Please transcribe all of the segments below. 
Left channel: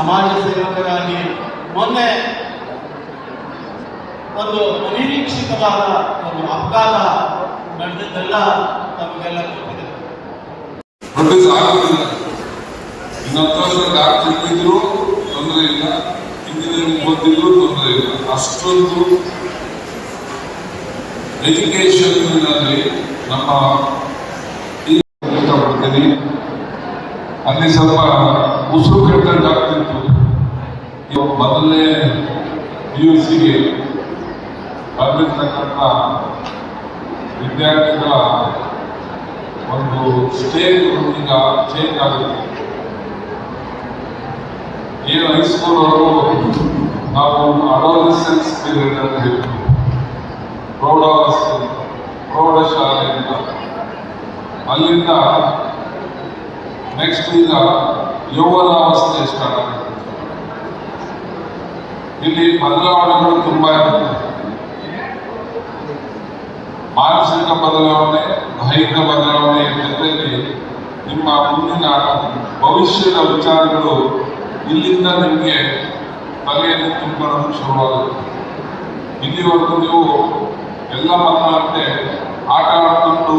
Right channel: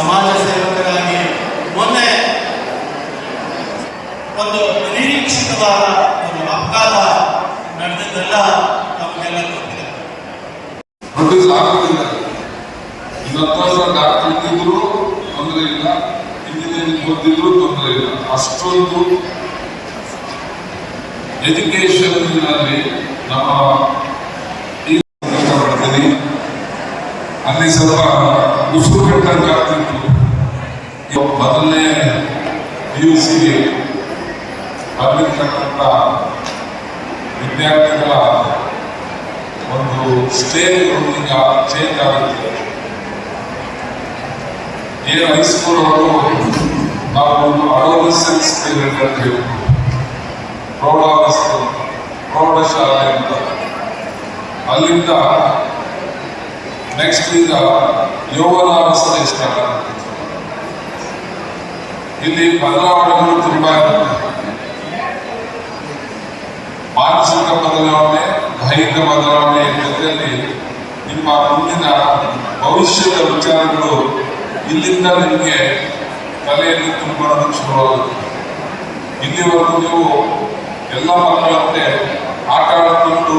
ಸಮಾಜ ಸೇವಕರಾಗಿ ಮೊನ್ನೆ ಒಂದು ಅನಿರೀಕ್ಷಿತವಾದ ಒಂದು ಅಪಘಾತ ನಡೆದಿದ್ದೆಲ್ಲ ತಮಗೆಲ್ಲ ಗೊತ್ತಿದೆ. ಡಾಕ್ಟರ್ ತೊಂದರೆ ಇಲ್ಲ, ಇಂಜಿನಿಯರಿಂಗ್ ಓದಿದ್ರು ತೊಂದರೆ ಇಲ್ಲ. ಅಷ್ಟೊಂದು ಎಜುಕೇಶನ್ ನಮ್ಮ ಇಷ್ಟಪಡ್ತೀನಿ. ಅಲ್ಲಿ ಸ್ವಲ್ಪ ಉಸಿರು ಕಟ್ಟಂತಾಗ್ತಿತ್ತು. ಮೊದಲನೇ PUCಗೆ ಬಂದಿರ್ತಕ್ಕಂಥ ವಿದ್ಯಾರ್ಥಿಗಳ ಒಂದು ಸ್ಟೇಜ್ ಈಗ ಚೇಂಜ್ ಆಗುತ್ತೆ. ಏನು ಹೈಸ್ಕೂಲ್ ಅವರು ನಾವು ಒಂದು ಅಡೋಲೆಸೆನ್ಸ್ ಪೀರಿಯಡ್ ಅಂತ ಹೇಳ್ತೀವಿ, ಪ್ರೌಢಾವಸ್ಥೆ, ಪ್ರೌಢಶಾಲೆ ಅಂತ. ಅಲ್ಲಿಂದ ನೆಕ್ಸ್ಟ್ ಈಗ ಯೌವನಾವಸ್ಥೆ ಸ್ಟಾರ್ಟ್ ಆಗುತ್ತೆ. ಇಲ್ಲಿ ಬದಲಾವಣೆಗಳು ತುಂಬಾ ಇರುತ್ತೆ. ಮಾನಸಿಕ ಬದಲಾವಣೆ, ದೈಹಿಕ ಬದಲಾವಣೆ ಜೊತೆಯಲ್ಲಿ ನಿಮ್ಮ ಮುಂದಿನ ಭವಿಷ್ಯದ ವಿಚಾರಗಳು ಇಲ್ಲಿಂದ ನಿಮಗೆ ತಲೆಯಲ್ಲಿ ತುಂಬಿಕೊಳ್ಳೋದು ಶುರುವಾಗುತ್ತೆ. ಇಲ್ಲಿವರೆಗೂ ನೀವು ಎಲ್ಲ ಮಕ್ಕಳಂತೆ ಆಟ ಆಡಿಕೊಂಡು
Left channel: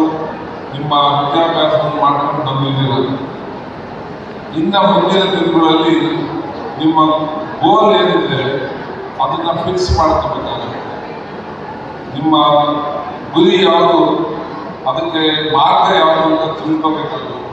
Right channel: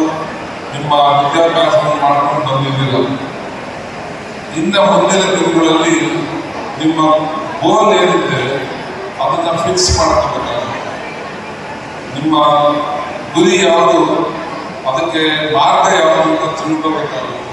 ನಿಮ್ಮ ವಿದ್ಯಾಭ್ಯಾಸವನ್ನು ಮಾಡ್ಕೊಂಡು ಬಂದಿದ್ದೀರ. ಇನ್ನು ಮುಂದಿನ ದಿನಗಳಲ್ಲಿ ನಿಮ್ಮ ಗೋಲ್ ಏನಿದೆ ಅದನ್ನು ಫಿಕ್ಸ್ ಮಾಡ್ಕೋಬೇಕಾಗುತ್ತೆ. ನಿಮ್ಮ ಗುರಿ ಯಾವುದು, ಅದಕ್ಕೆ ಮಾರ್ಗ ಯಾವುದು ಅಂತ ತಿಳ್ಕೋಬೇಕಾಗುತ್ತೆ.